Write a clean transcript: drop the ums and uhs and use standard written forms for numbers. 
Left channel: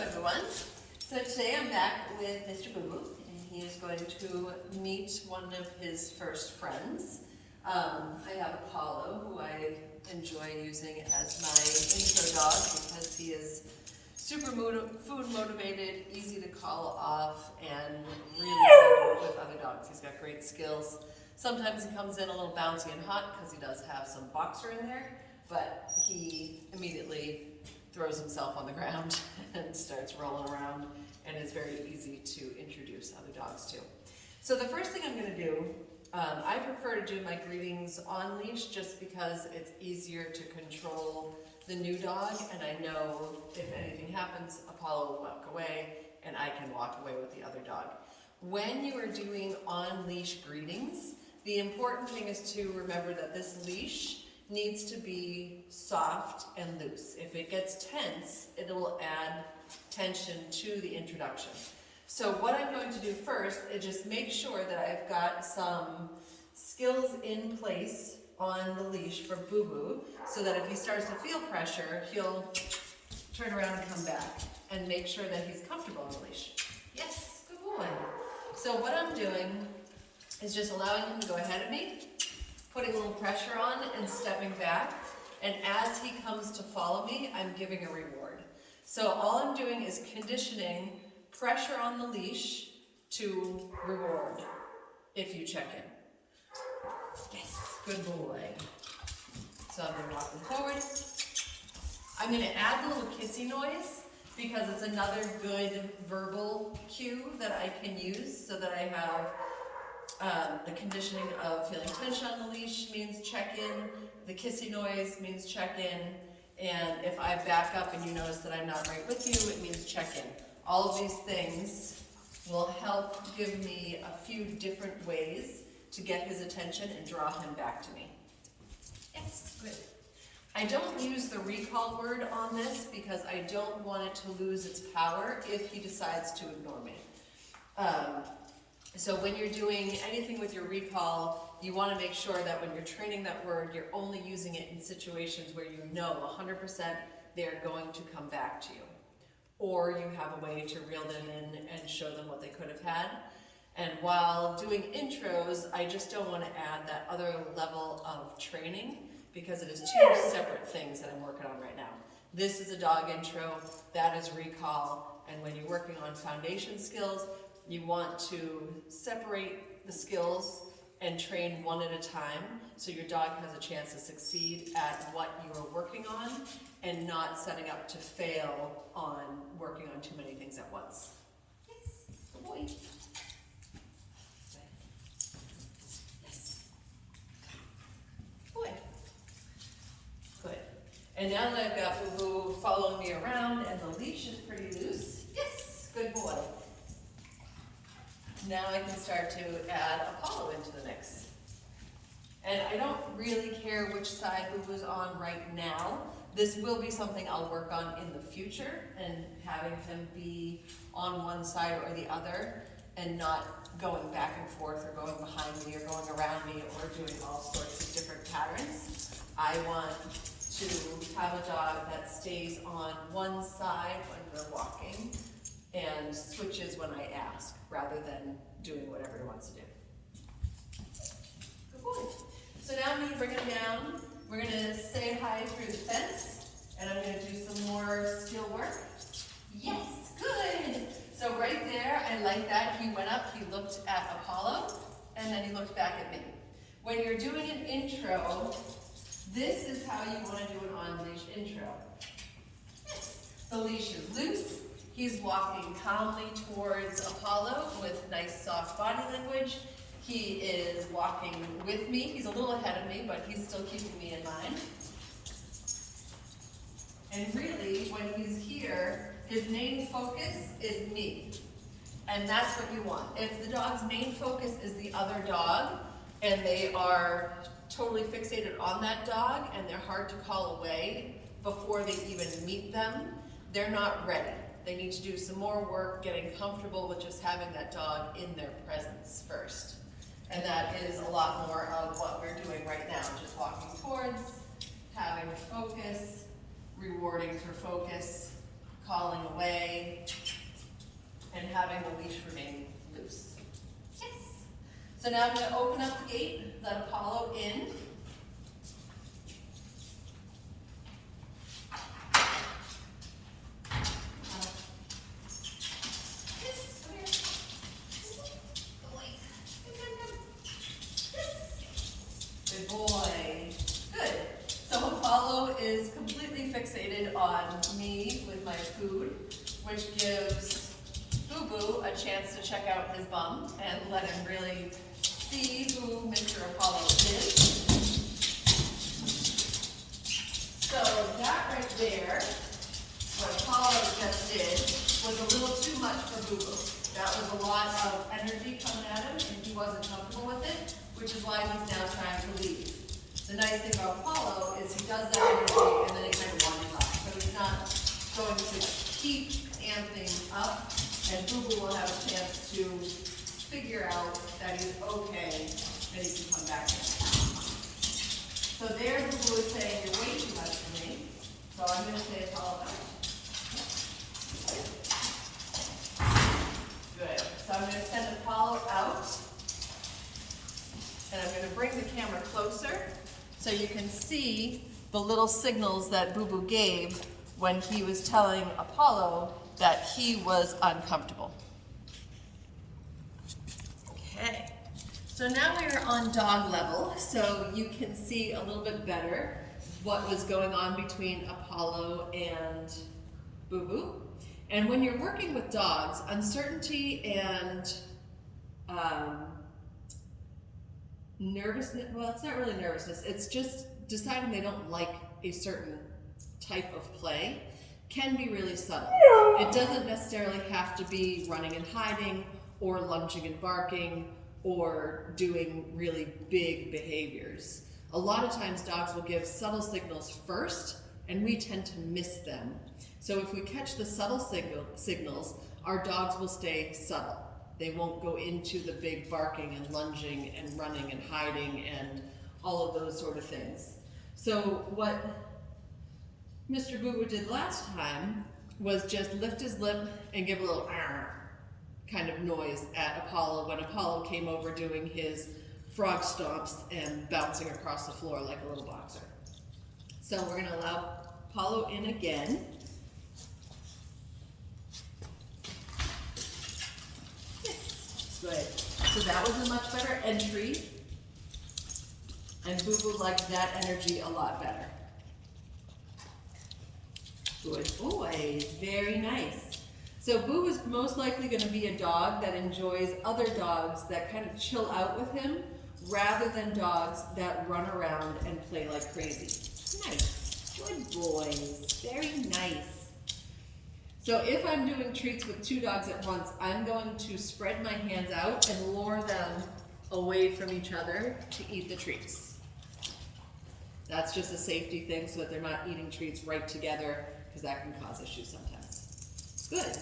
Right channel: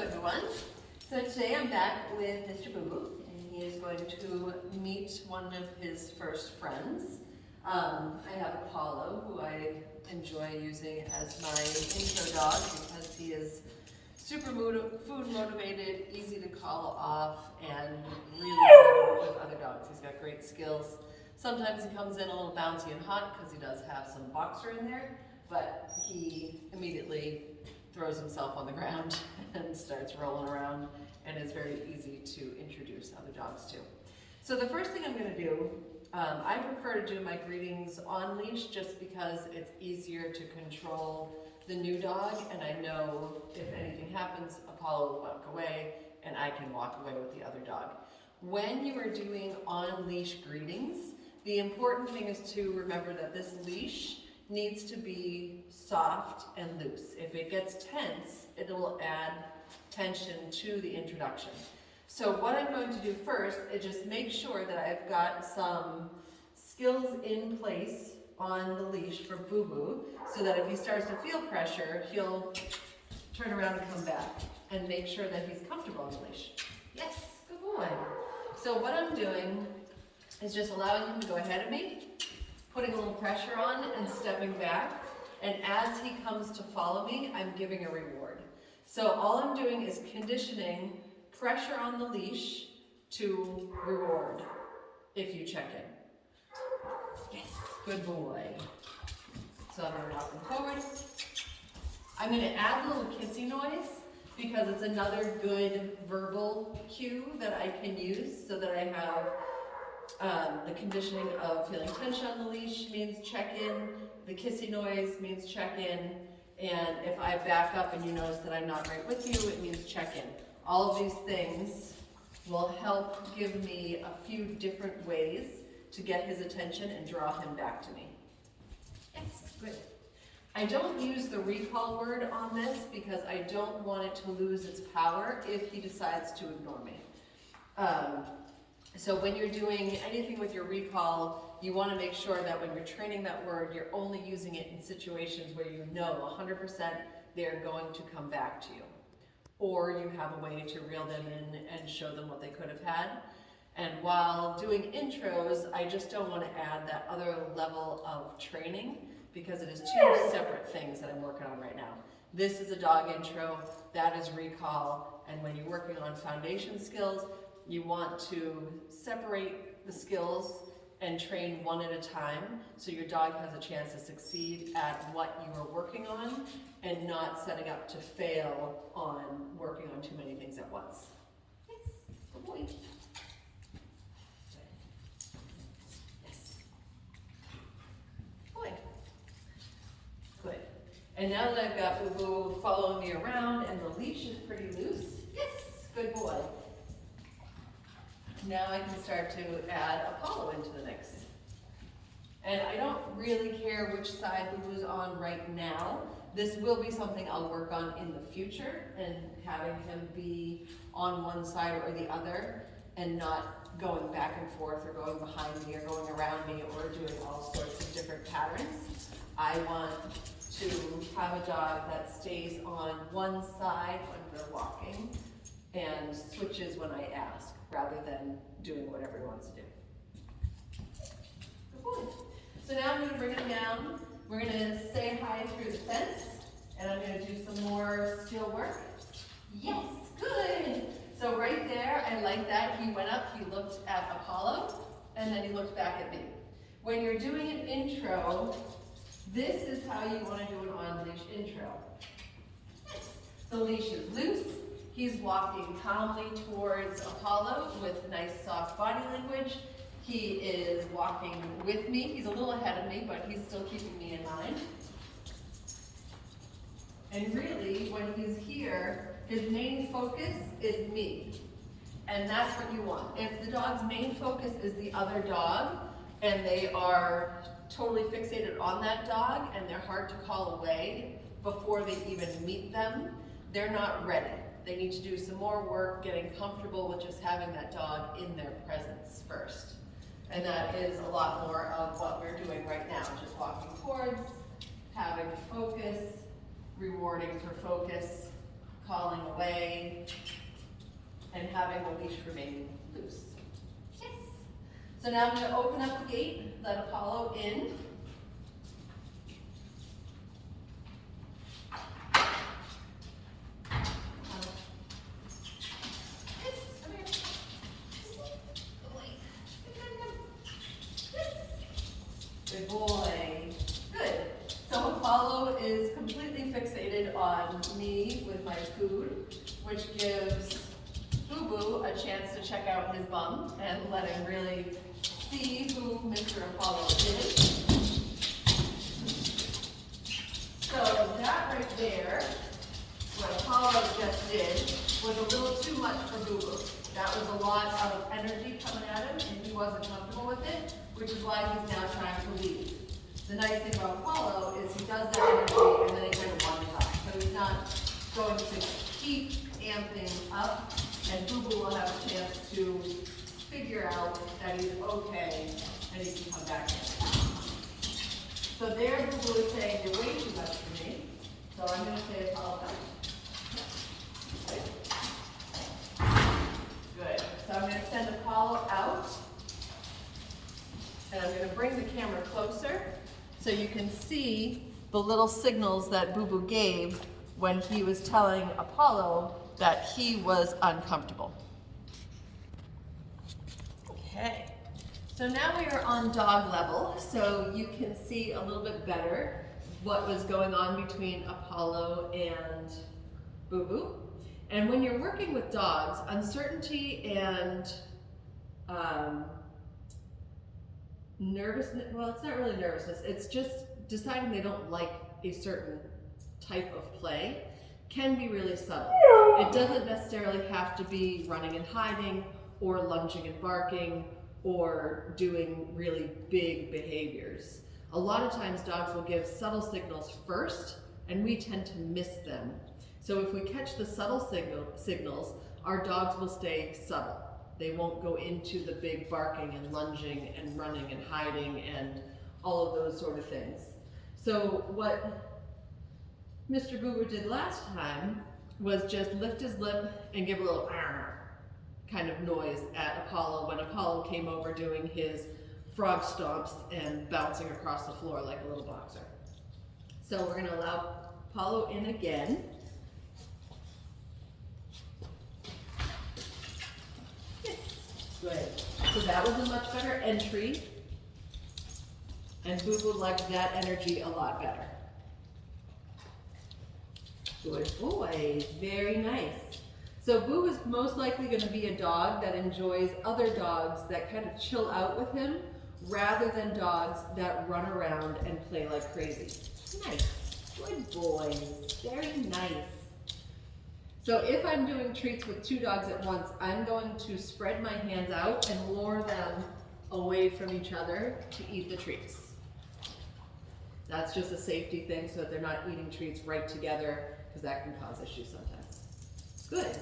everyone. So today I'm back with Mr. Bubu, and he is going to meet one of his first friends. I have Apollo, who I enjoy using as my intro dog because he is super food motivated, easy to call off, and really good with other dogs. He's got great skills. Sometimes he comes in a little bouncy and hot because he does have some boxer in there, but he immediately throws himself on the ground and starts rolling around and is very easy to introduce other dogs to. So the first thing I'm going to do, I prefer to do my greetings on leash just because it's easier to control the new dog, and I know if anything happens, Apollo will walk away and I can walk away with the other dog. When you are doing on leash greetings, the important thing is to remember that this leash needs to be soft and loose. If it gets tense, it will add tension to the introduction. So what I'm going to do first is just make sure that I've got some skills in place on the leash for Bubu, so that if he starts to feel pressure, he'll turn around and come back and make sure that he's comfortable on the leash. Yes, good boy. So what I'm doing is just allowing him to go ahead of me, putting a little pressure on and stepping back, and as he comes to follow me, I'm giving a reward. So all I'm doing is conditioning pressure on the leash to reward if you check in. Yes, good boy. So I'm going to walk him forward. I'm going to add a little kissy noise because it's another good verbal cue that I can use so that I have the conditioning of feeling tension on the leash means check in, the kissy noise means check in, and if I back up and you notice that I'm not right with you, it means check in. All of these things will help give me a few different ways to get his attention and draw him back to me. Yes, good. I don't use the recall word on this because I don't want it to lose its power if he decides to ignore me. So when you're doing anything with your recall, you want to make sure that when you're training that word, you're only using it in situations where you know 100% they're going to come back to you. Or you have a way to reel them in and show them what they could have had. And while doing intros, I just don't want to add that other level of training because it is two separate things that I'm working on right now. This is a dog intro, that is recall, and when you're working on foundation skills, you want to separate the skills and train one at a time so your dog has a chance to succeed at what you are working on and not setting up to fail on working on too many things at once. Yes, good boy. Yes. Boy. Good. And now that I've got Bubu following me around and the leash is pretty loose, yes, good boy. Now I can start to add Apollo into the mix. And I don't really care which side Bubu's on right now. This will be something I'll work on in the future, and having him be on one side or the other and not going back and forth or going behind me or going around me or doing all sorts of different patterns. I want to have a dog that stays on one side when we're walking and switches when I ask, rather than doing whatever he wants to do. Good boy. So now I'm going to bring him down. We're going to say hi through the fence, and I'm going to do some more skill work. Yes, good. So right there, I like that. He went up, he looked at Apollo, and then he looked back at me. When you're doing an intro, this is how you want to do an on-leash intro. The leash is loose. He's walking calmly towards Apollo with nice soft body language. He is walking with me. He's a little ahead of me, but he's still keeping me in mind. And really, when he's here, his main focus is me. And that's what you want. If the dog's main focus is the other dog, and they are totally fixated on that dog, and they're hard to call away before they even meet them, they're not ready. They need to do some more work getting comfortable with just having that dog in their presence first. And that is a lot more of what we're doing right now, just walking towards, having focus, rewarding for focus, calling away, and having the leash remain loose. Yes. So now I'm going to open up the gate, let Apollo in. Good boy. Good. So Apollo is completely fixated on me with my food, which gives Bubu a chance to check out his bum and let him really see who Mr. Apollo is. So that right there, what Apollo just did, was a little too much for Bubu. That was a lot of energy coming at him, and he wasn't comfortable with it, which is why he's now trying to leave. The nice thing about Apollo is he does that energy and then he kind of wanders off. So he's not going to keep amping up, and Bubu will have a chance to figure out that he's okay and he can come back in. So there Bubu is saying, you're way too much for me. So I'm going to say Apollo back. Good. So I'm going to send Apollo out. And I'm going to bring the camera closer so you can see the little signals that Bubu gave when he was telling Apollo that he was uncomfortable. Okay, so now we are on dog level, so you can see a little bit better what was going on between Apollo and Bubu. And when you're working with dogs, uncertainty and nervousness, well, it's not really nervousness, it's just deciding they don't like a certain type of play can be really subtle. It doesn't necessarily have to be running and hiding or lunging and barking or doing really big behaviors. A lot of times dogs will give subtle signals first and we tend to miss them. So if we catch the subtle signals, our dogs will stay subtle. They won't go into the big barking and lunging and running and hiding and all of those sort of things. So what Mr. Bubu did last time was just lift his lip and give a little kind of noise at Apollo when Apollo came over doing his frog stomps and bouncing across the floor like a little boxer. So we're going to allow Apollo in again. Good. So that was a much better entry, and Bubu liked that energy a lot better. Good boy, very nice. So Boo is most likely going to be a dog that enjoys other dogs that kind of chill out with him, rather than dogs that run around and play like crazy. Nice. Good boys. Very nice. So if I'm doing treats with two dogs at once, I'm going to spread my hands out and lure them away from each other to eat the treats. That's just a safety thing so that they're not eating treats right together, because that can cause issues sometimes. Good.